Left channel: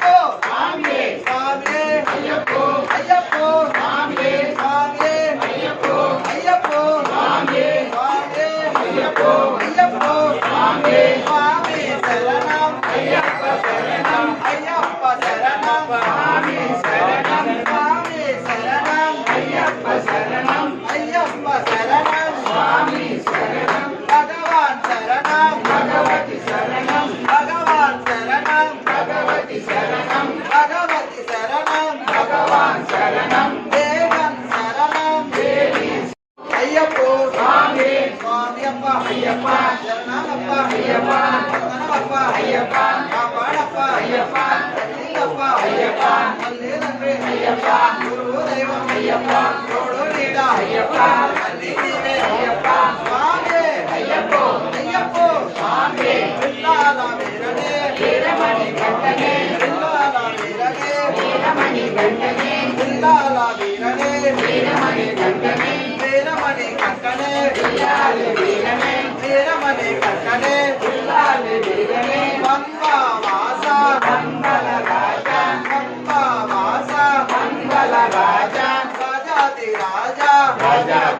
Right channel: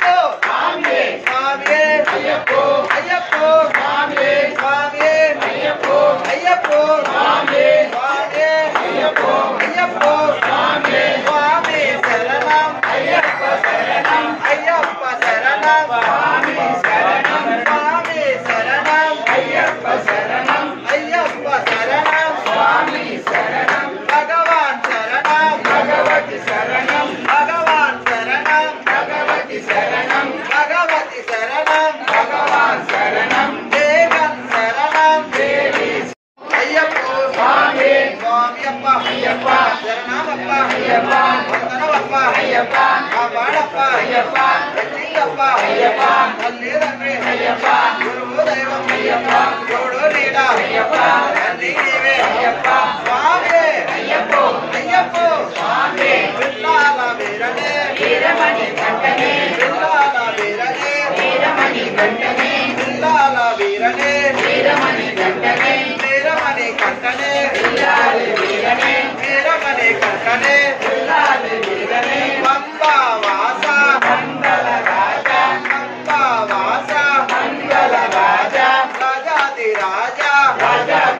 అయ్యప్పో స్వామియే స్వామియే అయ్యప్పో అయ్యప్పో స్వామియే స్వామియే అయ్యప్పో అయ్యప్పో స్వామియే స్వామియే అయ్యప్పో అయ్యప్పో స్వామియే స్వామి శరణం అయ్యప్ప శరణం అయ్యప్ప శరణం స్వామి శరణం స్వామి శరణం అయ్యప్ప శరణం అయ్యప్ప శరణం స్వామి శరణం భగవాన్ శరణం భగవతి శరణం భగవాన్ శరణం భగవతి శరణం భగవతి శరణం భగవాన్ శరణం దేవన్ శరణం దేవి అయ్యప్పో స్వామి స్వామియప్ప అయ్యప్ప శరణమప్ప అయ్యప్ప వందనమప్ప అయ్యప్ప కాపాడప్ప అయ్యప్ప రక్షించప్ప అయ్యప్ప తల్లి తండ్రి అయ్యప్ప గురువు దైవం అయ్యప్ప తోడు నీడ అయ్యప్ప తల్లి నీవే అయ్యప్ప స్వామి అయ్యప్పో అయ్యప్పో స్వామి పిల్లాల వీరనే వీరమణి కంటనే పిల్లాల వీరనే వీరమణి కంటనే పిల్లాల వీరనే వీరమణి కంటనే వీరమణి కంటనే పిల్లాల వీరనే వీరమణి కంటనే